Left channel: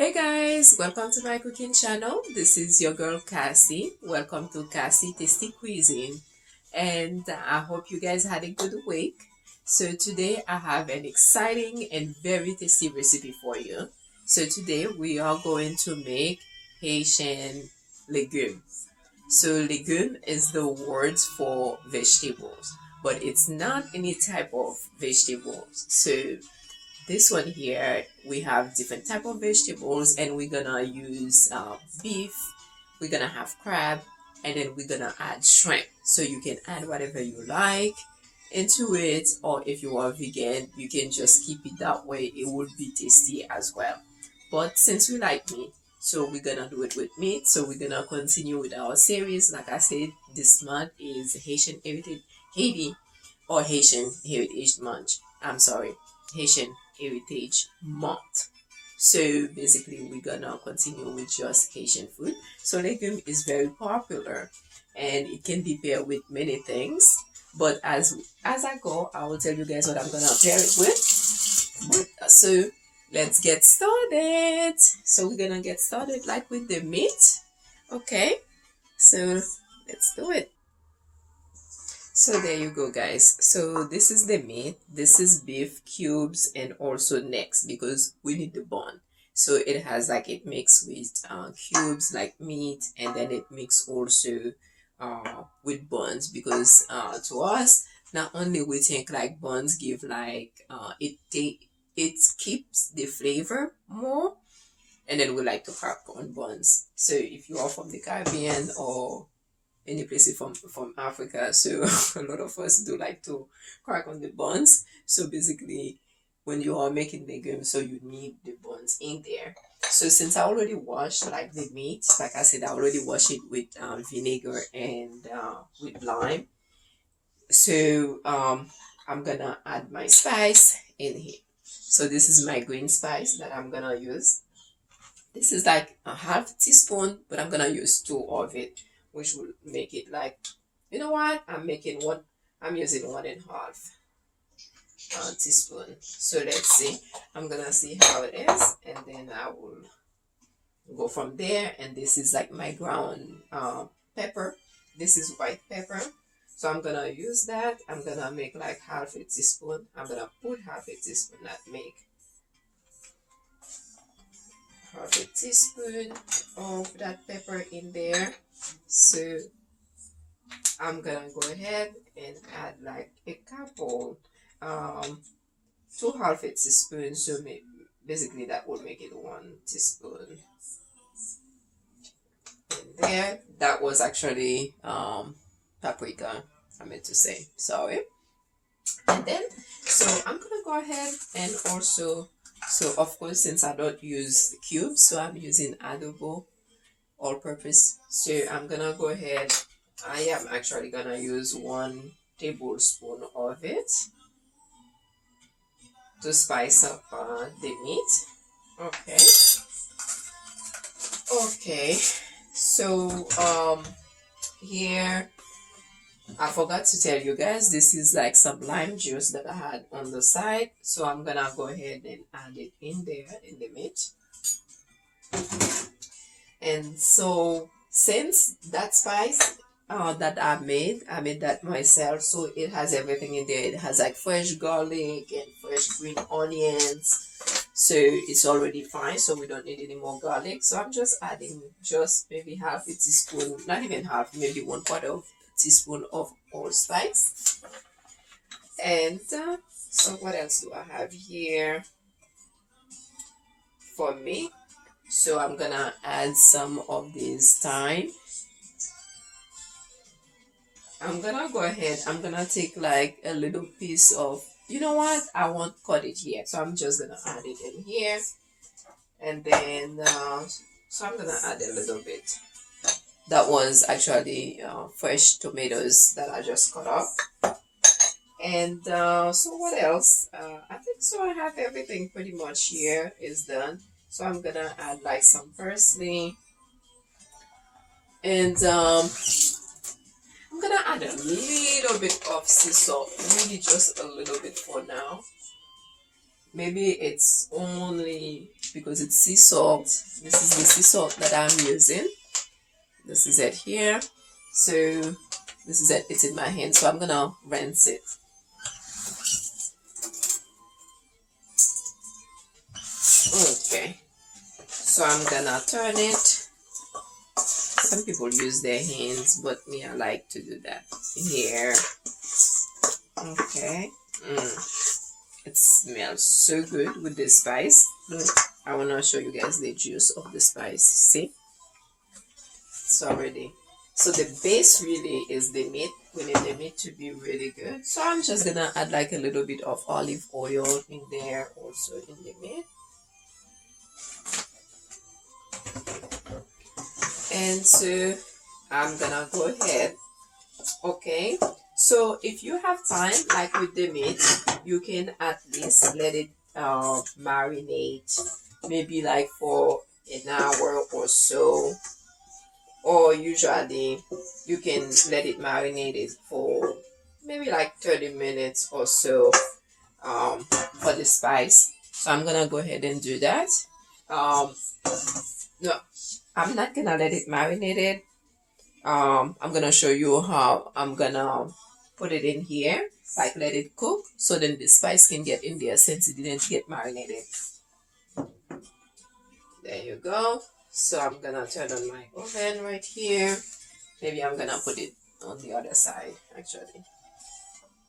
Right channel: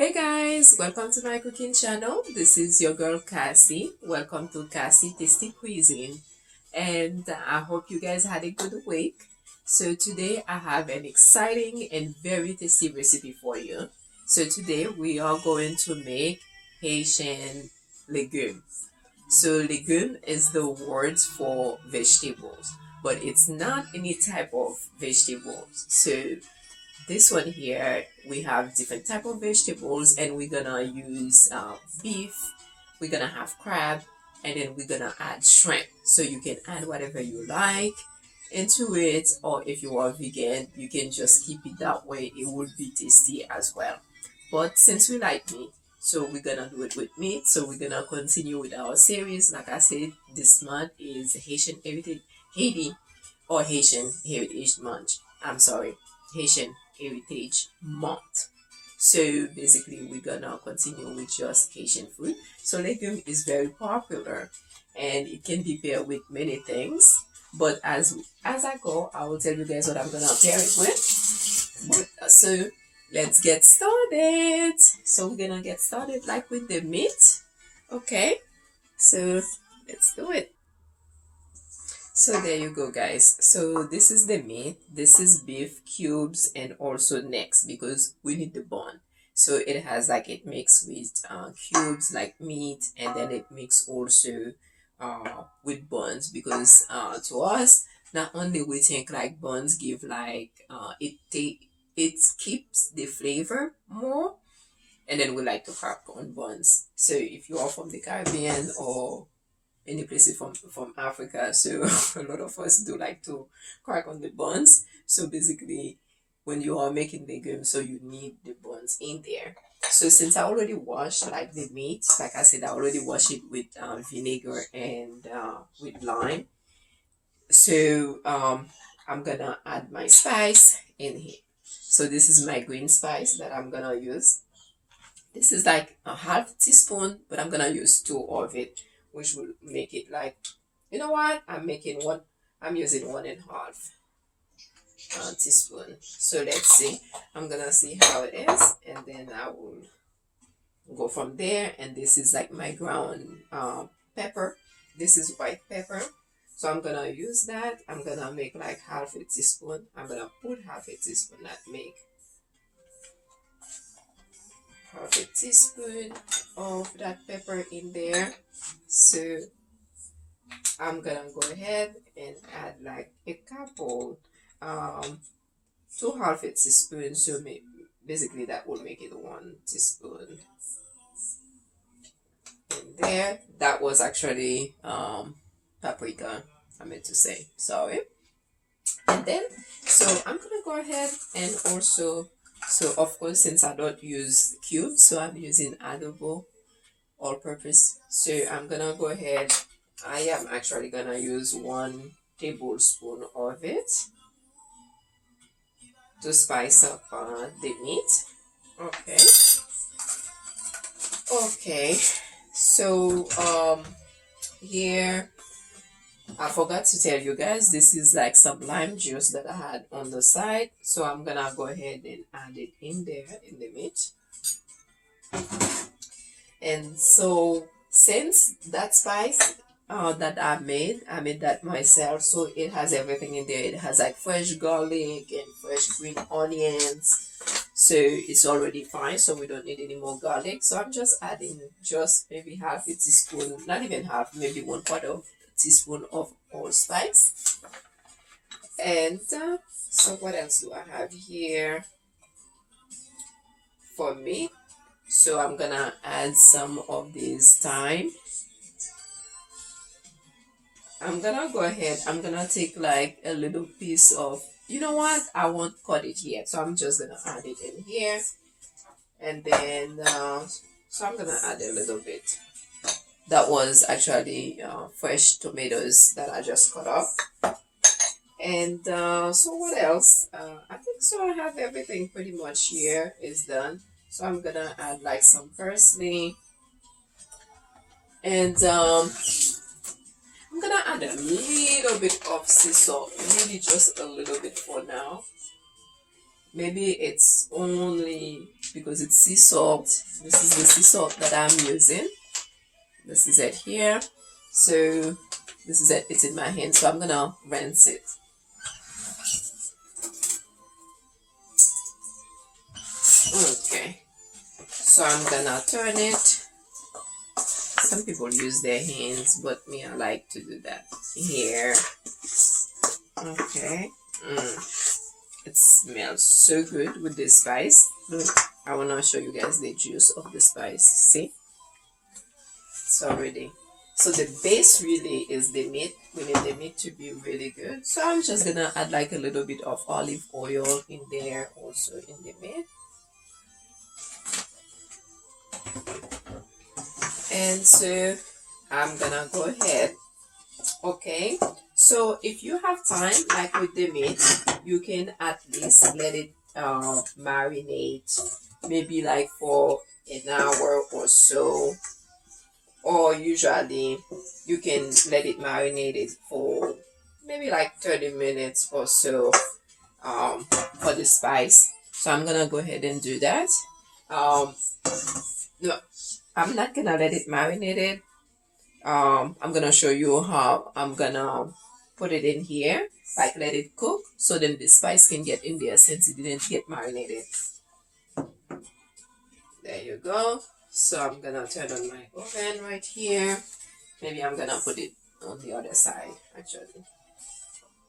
Hey guys, welcome to my cooking channel. This is your girl Cassie. Welcome to Cassie Tasty Cuisine. And I hope you guys had a good week. So today I have an exciting and very tasty recipe for you. So today we are going to make Haitian legume. So legume is the word for vegetables, but it's not any type of vegetables. So this one here, we have different type of vegetables, and we're gonna use beef. We're gonna have crab, and then we're gonna add shrimp. So you can add whatever you like into it, or if you are vegan, you can just keep it that way. It will be tasty as well. But since we like meat, so we're gonna do it with meat. So we're gonna continue with our series. Like I said, this month is Haiti or Haitian Heritage Month. I'm sorry, Haitian Heritage Month. So basically, we're gonna continue with just Haitian food. So legume is very popular, and it can be paired with many things. But as I go, I will tell you guys what I'm gonna pair it with. So let's get started. So we're gonna get started like with the meat. Okay. So let's do it. So there you go, guys. So this is the meat. This is beef cubes and also necks because we need the bone. So it has like it mixed with cubes like meat, and then it mixed also with buns because to us not only we think like buns give like it keeps the flavor more, and then we like to crack on buns. So if you are from the Caribbean or any places from Africa. So a lot of us do like to crack on the buns. So basically, when you are making legumes, so you need the buns in there. So since I already washed like the meat, like I said, I already washed it with vinegar and with lime. So I'm gonna add my spice in here. So this is my green spice that I'm gonna use. This is like a half teaspoon, but I'm gonna use two of it, which will make it like, you know what? I'm using 1.5 teaspoon. So let's see. I'm gonna see how it is, and then I will go from there. And this is like my ground pepper. This is white pepper. So I'm gonna use that. I'm gonna make like half a teaspoon. I'm gonna put half a teaspoon, not make half a teaspoon of that pepper in there. So I'm gonna go ahead and add like a couple, two half a teaspoon. So basically that will make it 1 teaspoon in there. That was actually paprika, I meant to say, sorry. And then so I'm gonna go ahead and also, so of course since I don't use cubes, so I'm using Adobo all purpose. So I'm gonna go ahead, I am actually gonna use 1 tablespoon of it to spice up the meat. Okay, so here I forgot to tell you guys, this is like some lime juice that I had on the side, so I'm gonna go ahead and add it in there in the meat. And so since that spice that I made that myself, so it has everything in there. It has like fresh garlic and fresh green onions, so it's already fine, so we don't need any more garlic. So I'm just adding just maybe half a teaspoon, not even half, maybe 1/4 teaspoon of allspice. And so what else do I have here for me? So I'm gonna add some of this thyme. I'm gonna go ahead, I'm gonna take like a little piece of, you know what, I won't cut it yet, so I'm just gonna add it in here. And then so I'm gonna add a little bit. That was actually fresh tomatoes that I just cut up. And so what else, I think so I have everything pretty much here is done. So I'm gonna add like some parsley, and I'm gonna add a little bit of sea salt, really just a little bit for now. Maybe it's only because it's sea salt. This is the sea salt that I'm using. This is it here. So this is it. It's in my hand. So I'm gonna rinse it. Okay. So I'm gonna turn it. Some people use their hands, but me, I like to do that here. Okay. It smells so good with the spice. Look, I want to show you guys the juice of the spice. See? It's already. So the base really is the meat. We need the meat to be really good. So I'm just going to add like a little bit of olive oil in there also in the meat. And so I'm going to go ahead. Okay. So if you have time, like with the meat, you can at least let it marinate maybe like for an hour or so, or usually you can let it marinate it for maybe like 30 minutes or so for the spice. So I'm gonna go ahead and do that. No, I'm not gonna let it marinate it. I'm gonna show you how I'm gonna put it in here, like let it cook, so then the spice can get in there since it didn't get marinated. There you go. So I'm gonna turn on my oven right here. Maybe I'm gonna put it on the other side actually.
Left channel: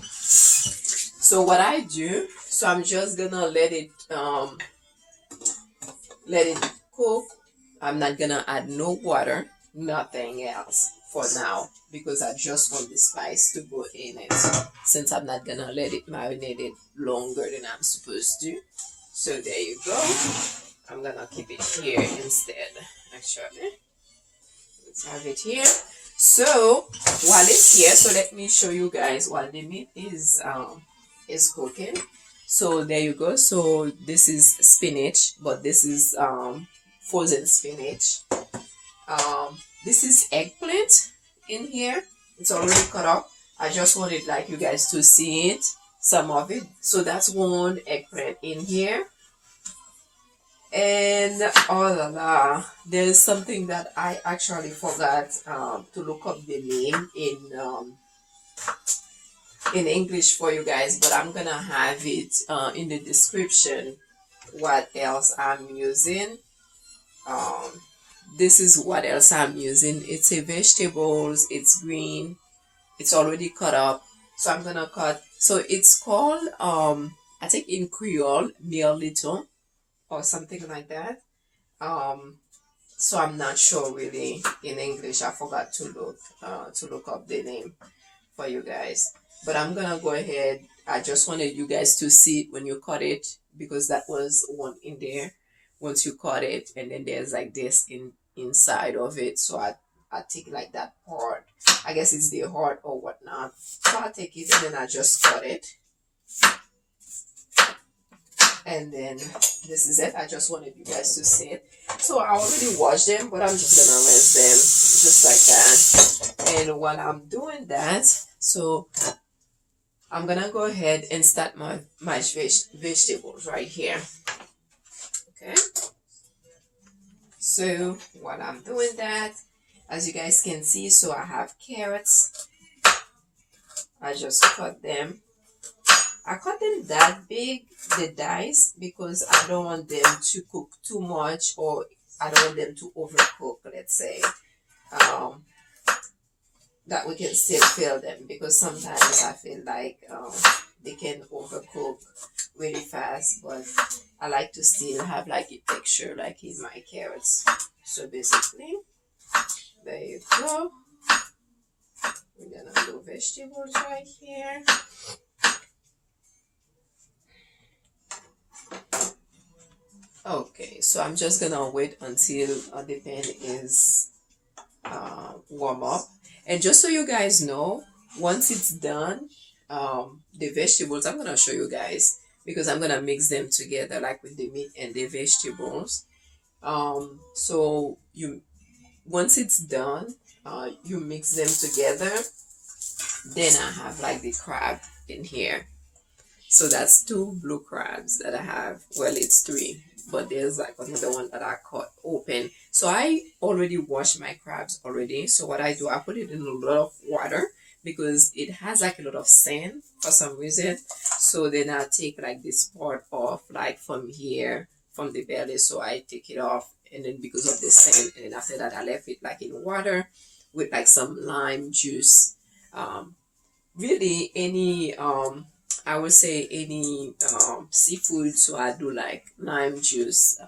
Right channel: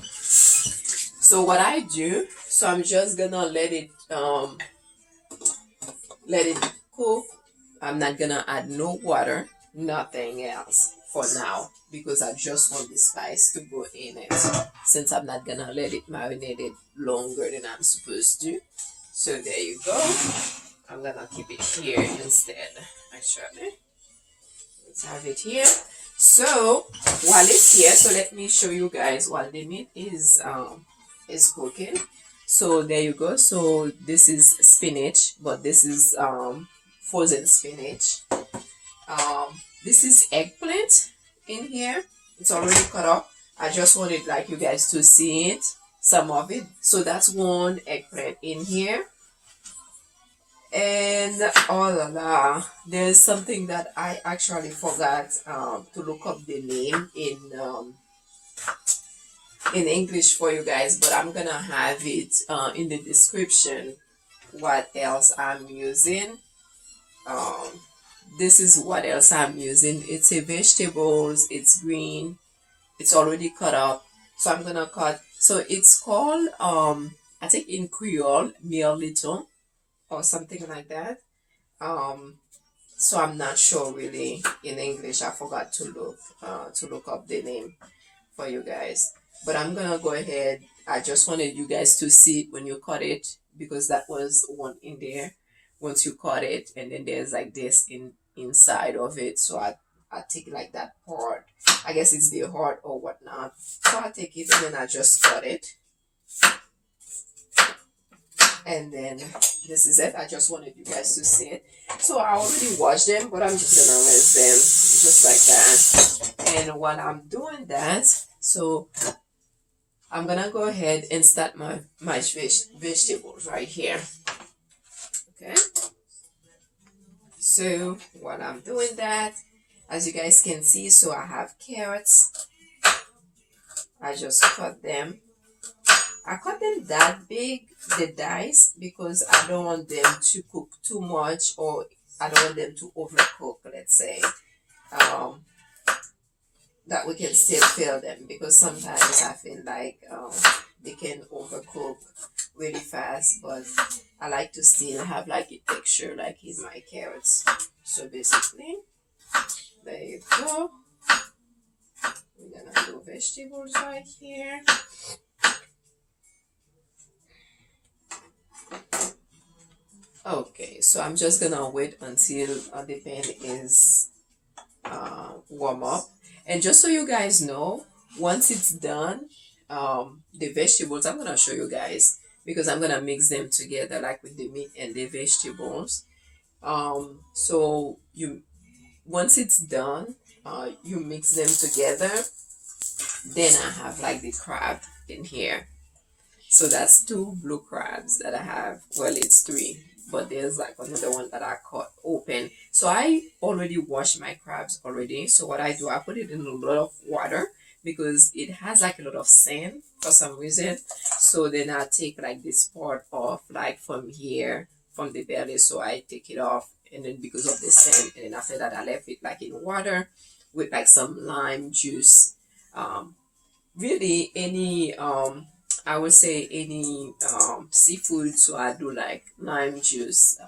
So what I do, so I'm just gonna let it cook. I'm not gonna add no water, nothing else for now, because I just want the spice to go in it, since I'm not gonna let it marinate it longer than I'm supposed to. So there you go. I'm gonna keep it here instead actually. Let's have it here. So while it's here, so let me show you guys while the meat is cooking. So there you go. So this is spinach, but this is frozen spinach. This is eggplant in here. It's already cut up. I just wanted like you guys to see it, some of it. So that's one eggplant in here. And oh la la, there's something that I actually forgot to look up the name in English for you guys, but I'm gonna have it in the description what else I'm using. This is what else I'm using. It's a vegetables, it's green, it's already cut up. So I'm gonna cut, so it's called I think in Creole mirliton or something like that. So I'm not sure really in English. I forgot to look up the name for you guys. But I'm gonna go ahead. I just wanted you guys to see it when you cut it, because that was one in there. Once you cut it, and then there's like this inside of it. So I take like that part. I guess it's the heart or whatnot. So I take it and then I just cut it. And then this is it. I just wanted you guys to see it. So I already washed them, but I'm just gonna rinse them just like that. And while I'm doing that, so I'm gonna go ahead and start my vegetables right here. Okay. So while I'm doing that, as you guys can see, so I have carrots. I just cut them. I cut them that big, the dice, because I don't want them to cook too much, or I don't want them to overcook, let's say. That we can still feel them, because sometimes I feel like they can overcook really fast, but I like to still have like a texture like in my carrots. So basically, there you go. We're gonna do vegetables right here. Okay, so I'm just gonna wait until the pan is warm up. And just so you guys know, once it's done, the vegetables, I'm gonna show you guys, because I'm gonna mix them together like with the meat and the vegetables. So once it's done, you mix them together. Then I have like the crab in here. So that's 2 blue crabs that I have. Well, it's 3. but there's like another one that I cut open. So I already washed my crabs already. So what I do, I put it in a lot of water because it has like a lot of sand for some reason. So then I take like this part off, like from here, from the belly. So I take it off, and then because of the sand, and then after that I left it like in water with like some lime juice. Really any I would say any seafood. So I do like lime juice,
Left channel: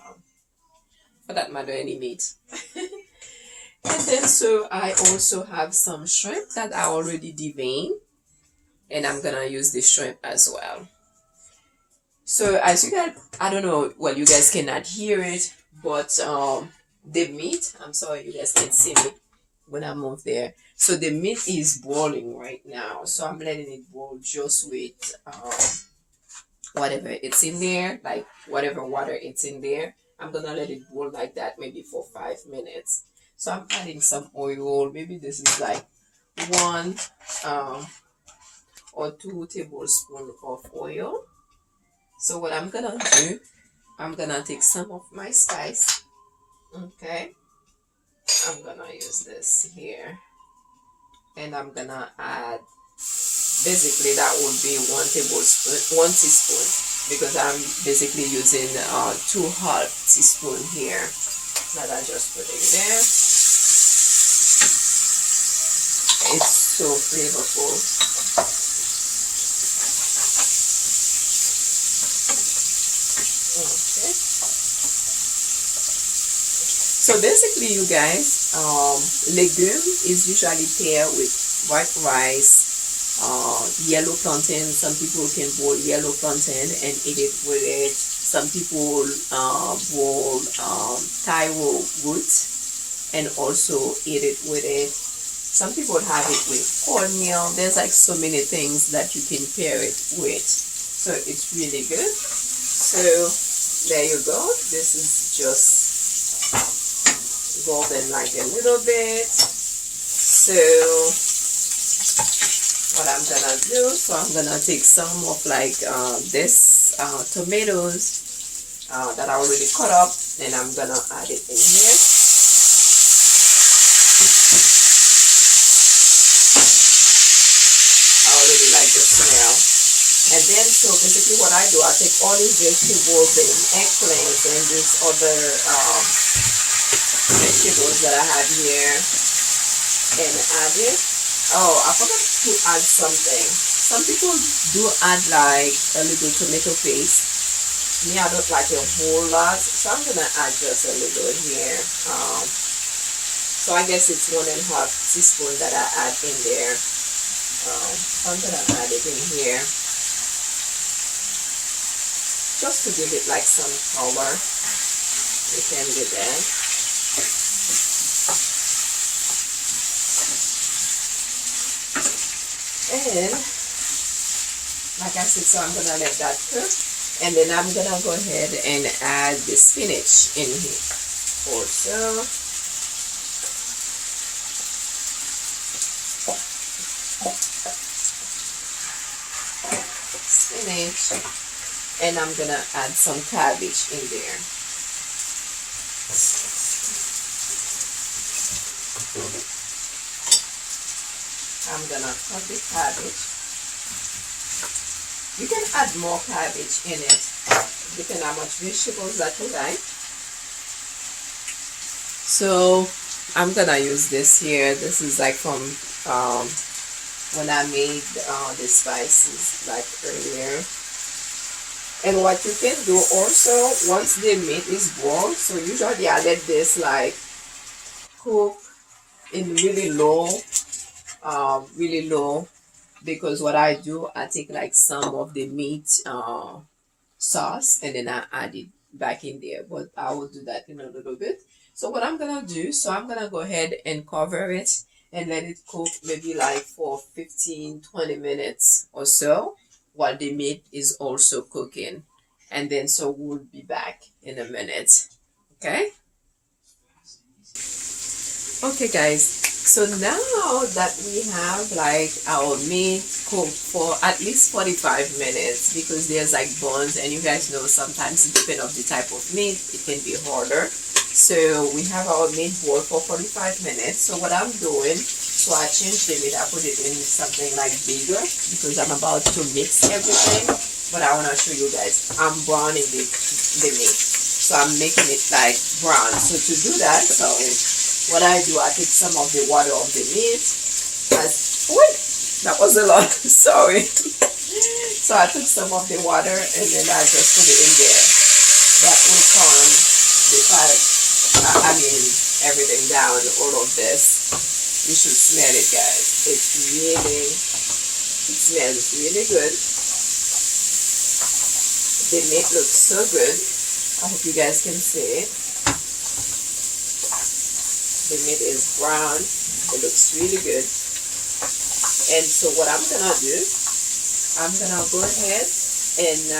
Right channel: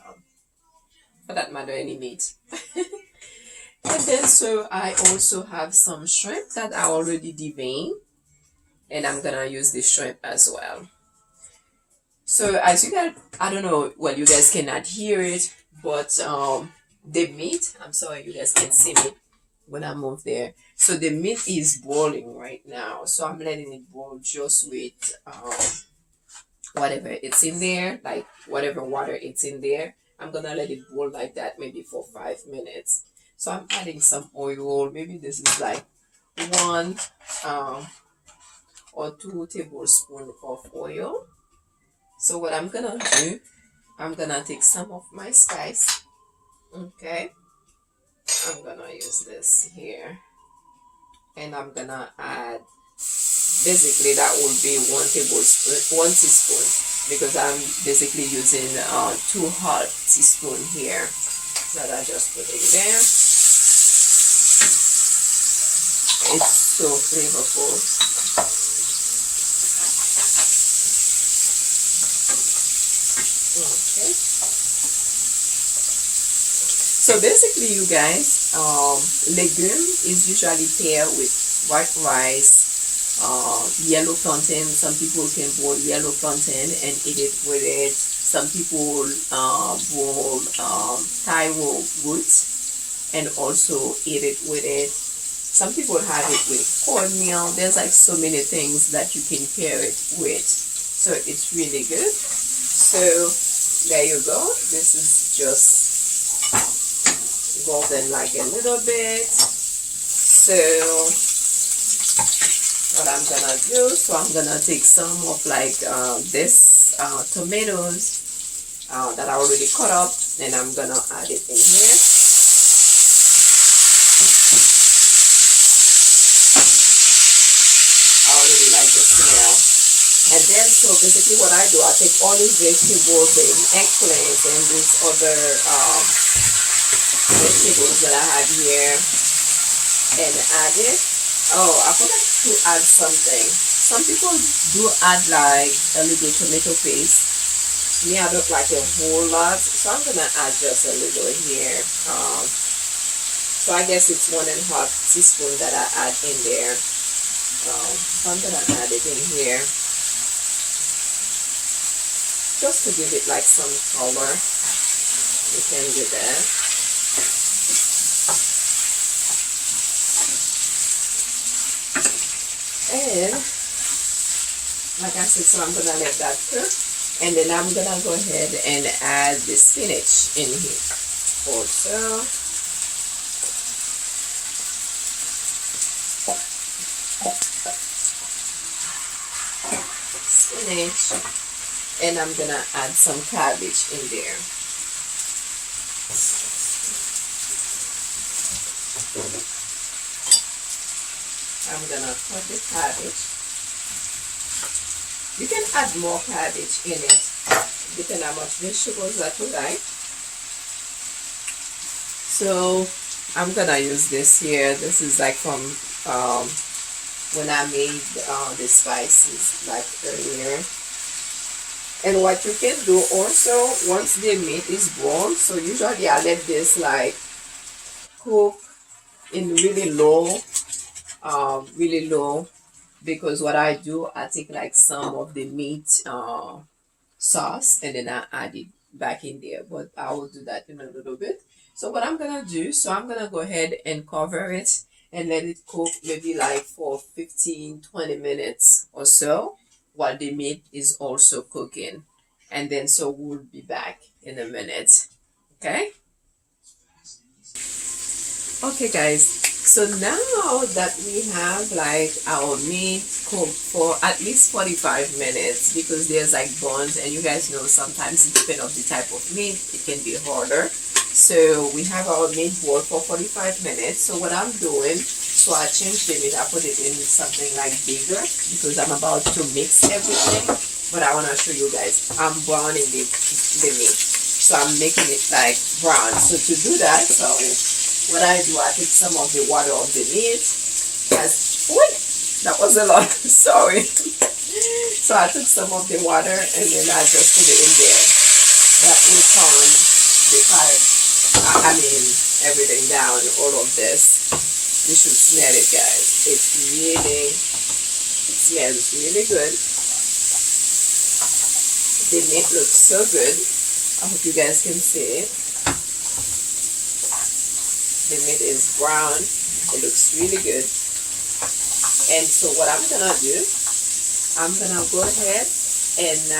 for that matter, any meat. And then so I also have some shrimp that I already deveined, and I'm gonna use the shrimp as well. So as you guys, I don't know, well, you guys cannot hear it, but the meat, I'm sorry, you guys can see me when I move there. So the meat is boiling right now. So I'm letting it boil just with whatever it's in there, like whatever water it's in there. I'm gonna let it boil like that maybe for 5 minutes. So I'm adding some oil. Maybe this is like one or 2 tablespoons of oil. So what I'm gonna do, I'm gonna take some of my spice. Okay, I'm gonna use this here, and I'm gonna add, basically that would be 1 tablespoon, 1 teaspoon, because I'm basically using 2 half teaspoon here that I just put in there. It's so flavorful. Okay. So basically, you guys, legume is usually paired with white rice, yellow plantain. Some people can boil yellow plantain and eat it with it. Some people boil taro root and also eat it with it. Some people have it with cornmeal. There's like so many things that you can pair it with. So it's really good. So there you go. This is just golden like a little bit. So what I'm gonna do, so I'm gonna take some of like this tomatoes that I already cut up, and I'm gonna add it in here. I already like the smell. And then, so basically what I do, I take all these vegetables, the eggplants, and this other vegetables that I have here, and add it. Oh, I forgot to add something. Some people do add like a little tomato paste. Me, I don't like a whole lot, so I'm gonna add just a little here. So I guess it's 1.5 teaspoon that I add in there. So I'm gonna add it in here, just to give it like some color. You can do that. And like I said, so I'm gonna let that cook, and then I'm gonna go ahead and add the spinach in here also. Spinach, and I'm gonna add some cabbage in there. I'm gonna cut the cabbage. You can add more cabbage in it, depending on how much vegetables that you like. So I'm gonna use this here. This is like from when I made the spices like earlier. And what you can do also, once the meat is boiled, so usually I let this like cook in really low, because what I do, I take like some of the meat sauce, and then I add it back in there, but I will do that in a little bit. So what I'm gonna do, so I'm gonna go ahead and cover it and let it cook maybe like for 15-20 minutes or so, while the meat is also cooking. And then so we'll be back in a minute. Okay, guys, So now that we have like our meat cooked for at least 45 minutes, because there's like bones, and you guys know sometimes it depends on the type of meat, it can be harder. So we have our meat boiled for 45 minutes. So what I'm doing, so I changed the meat, I put it in something like bigger because I'm about to mix everything. But I want to show you guys, I'm browning the meat. So I'm making it like brown. So to do that, so what I do, I take some of the water of the meat. Wait, that was a lot. Sorry. So I took some of the water and then I just put it in there. That will calm the fire. I mean, everything down. All of this. You should smell it, guys. It smells really good. The meat looks so good. I hope you guys can see it. The meat is brown. It looks really good. And so what I'm gonna do, I'm gonna go ahead and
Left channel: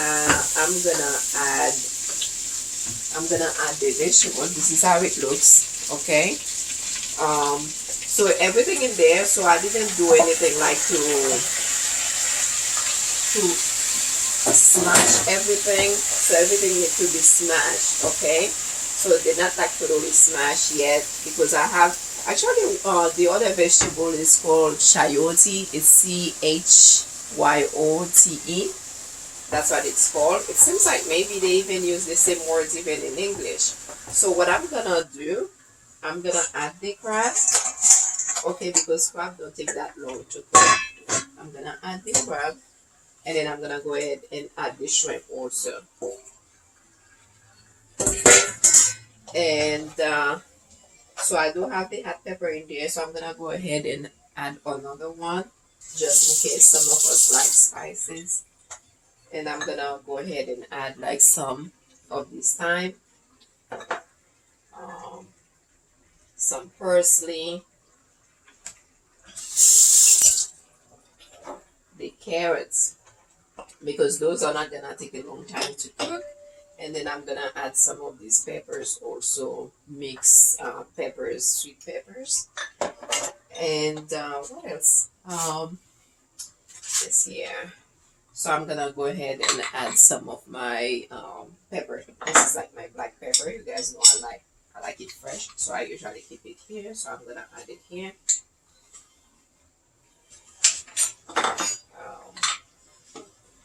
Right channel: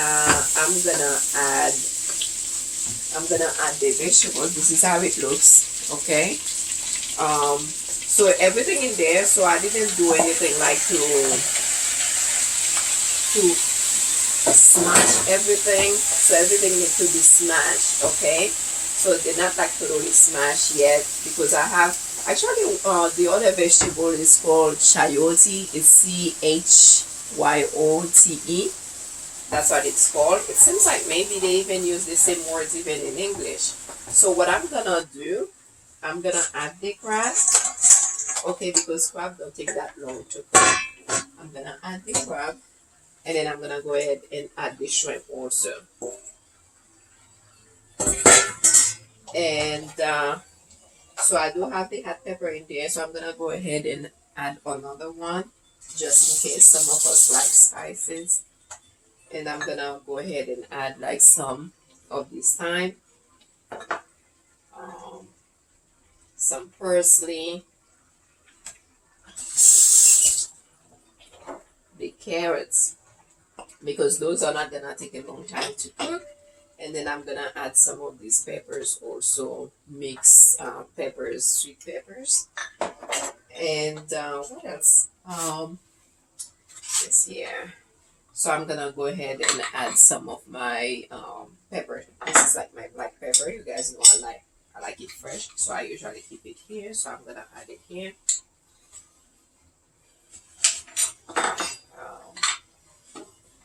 I'm gonna add the vegetables. This is how it looks. Okay. So everything in there. So I didn't do anything like to smash everything. So everything needs to be smashed. Okay. So they're not like totally smashed yet, because I have actually the other vegetable is called chayote. It's CHYOTE. That's what it's called. It seems like maybe they even use the same words even in English. So what I'm gonna do, I'm gonna add the crab. Okay, because crab don't take that long to cook. I'm gonna add the crab, and then I'm gonna go ahead and add the shrimp also. And so I do have the hot pepper in there, so I'm gonna go ahead and add another one just in case some of us like spices. And I'm gonna go ahead and add like some of this thyme, some parsley, the carrots, because those are not gonna take a long time to cook. And then I'm gonna add some of these peppers also, mixed peppers, sweet peppers. And what else? This here. So I'm gonna go ahead and add some of my pepper. This is like my black pepper. You guys know I like it fresh, so I usually keep it here. So I'm gonna add it here.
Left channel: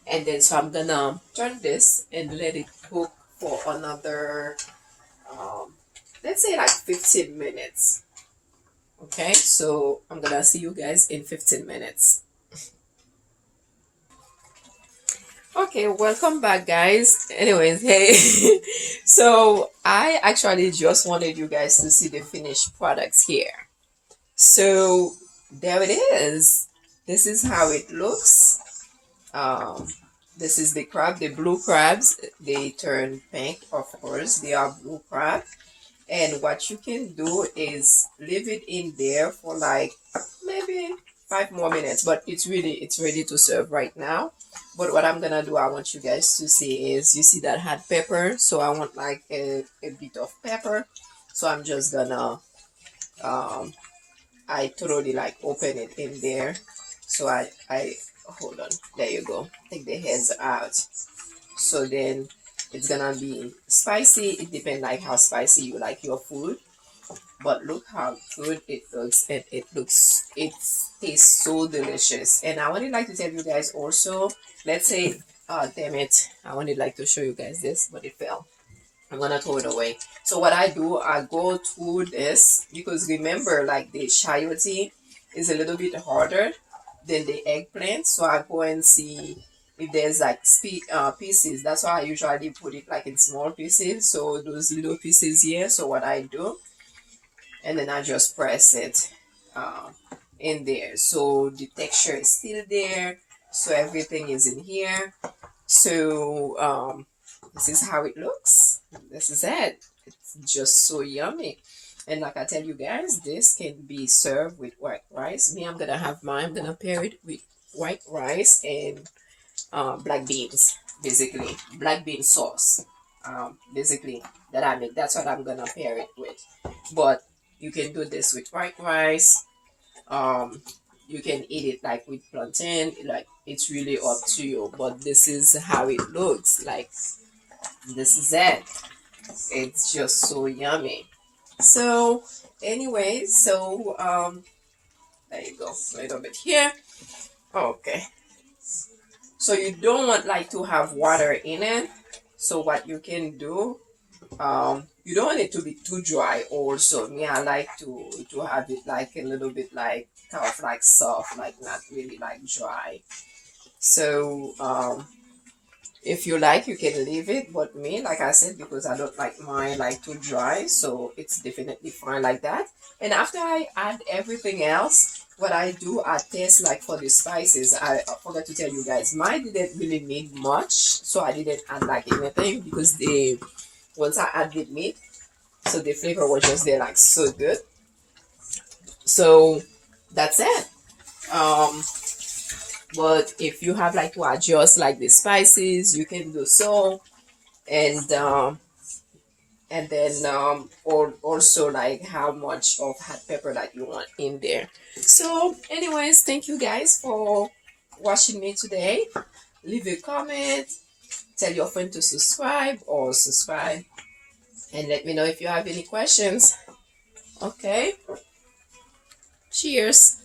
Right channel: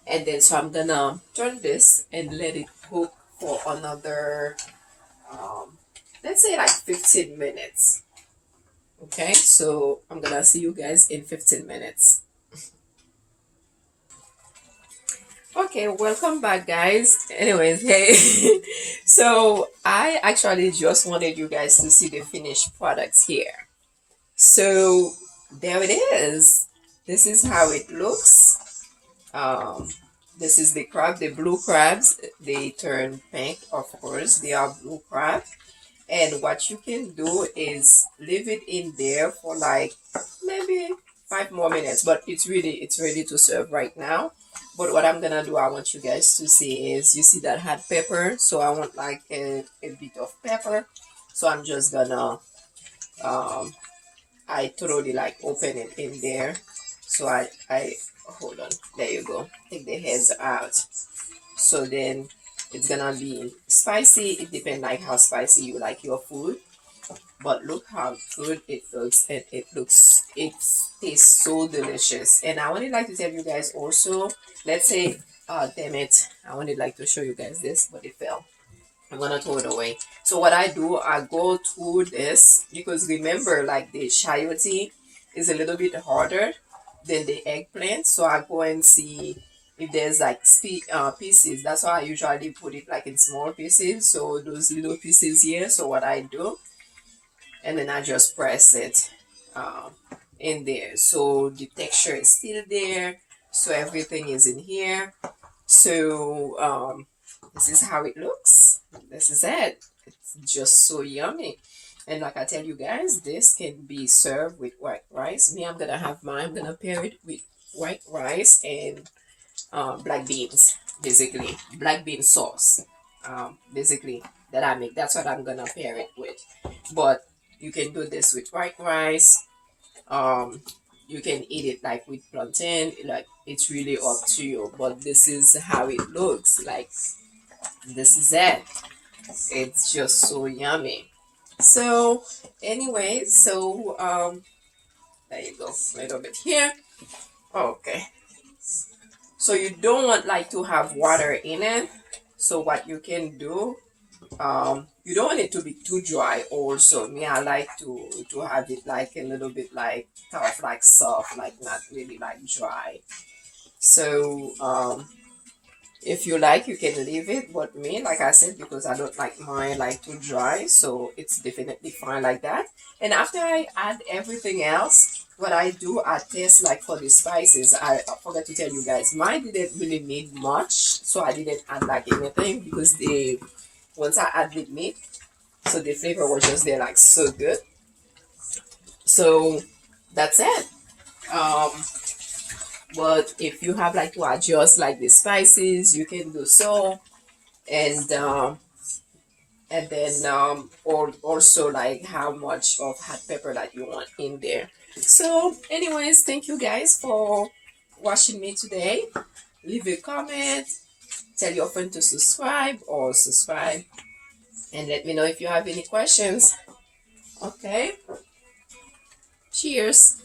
And then so I'm gonna turn this and let it cook for another let's say like 15 minutes. Okay, so I'm gonna see you guys in 15 minutes. Okay, welcome back, guys. Anyways, hey. So I actually just wanted you guys to see the finished products here. So there it is. This is how it looks. This is the crab, the blue crabs. They turn pink, of course. They are blue crab. And what you can do is leave it in there for like maybe 5 more minutes. But it's ready to serve right now. But what I'm gonna do, I want you guys to see is, you see that hot pepper. So I want like a bit of pepper. So I'm just gonna I totally like open it in there. So I hold on, there you go, take the heads out. So then it's gonna be spicy. It depends like how spicy you like your food, but look how good it looks. And it tastes so delicious. And I wanted like to tell you guys also, let's say damn it, I wanted like to show you guys this, but it fell. I'm gonna throw it away. So what I do, I go through this, because remember, like the chayote is a little bit harder than the eggplant. So I go and see if there's like pieces. That's why I usually put it like in small pieces. So those little pieces here. So what I do, and then I just press it in there. So the texture is still there. So everything is in here. So this is how it looks. This is it. It's just so yummy. And like I tell you guys, this can be served with white rice. Me, I'm gonna have mine. I'm gonna pair it with white rice and black beans, basically black bean sauce. Basically that I make. That's what I'm gonna pair it with. But you can do this with white rice. You can eat it like with plantain, like it's really up to you, but this is how it looks like. This is it. It's just so yummy. So anyway, there you go, a little bit here. Okay, so you don't want like to have water in it. So what you can do, you don't want it to be too dry also. Me, I like to have it like a little bit like kind of like soft, like not really like dry. So if you like, you can leave it, but me, like I said, because I don't like mine like too dry, so it's definitely fine like that. And after I add everything else, what I do, I taste like for the spices. I forgot to tell you guys, mine didn't really need much, so I didn't add like anything because the once I added meat, so the flavor was just there like so good. So that's it. Um, but if you have like to adjust like the spices, you can do so. And then also like how much of hot pepper that you want in there. So anyways, thank you guys for watching me today. Leave a comment, tell your friend to subscribe or subscribe, and let me know if you have any questions. Okay, cheers.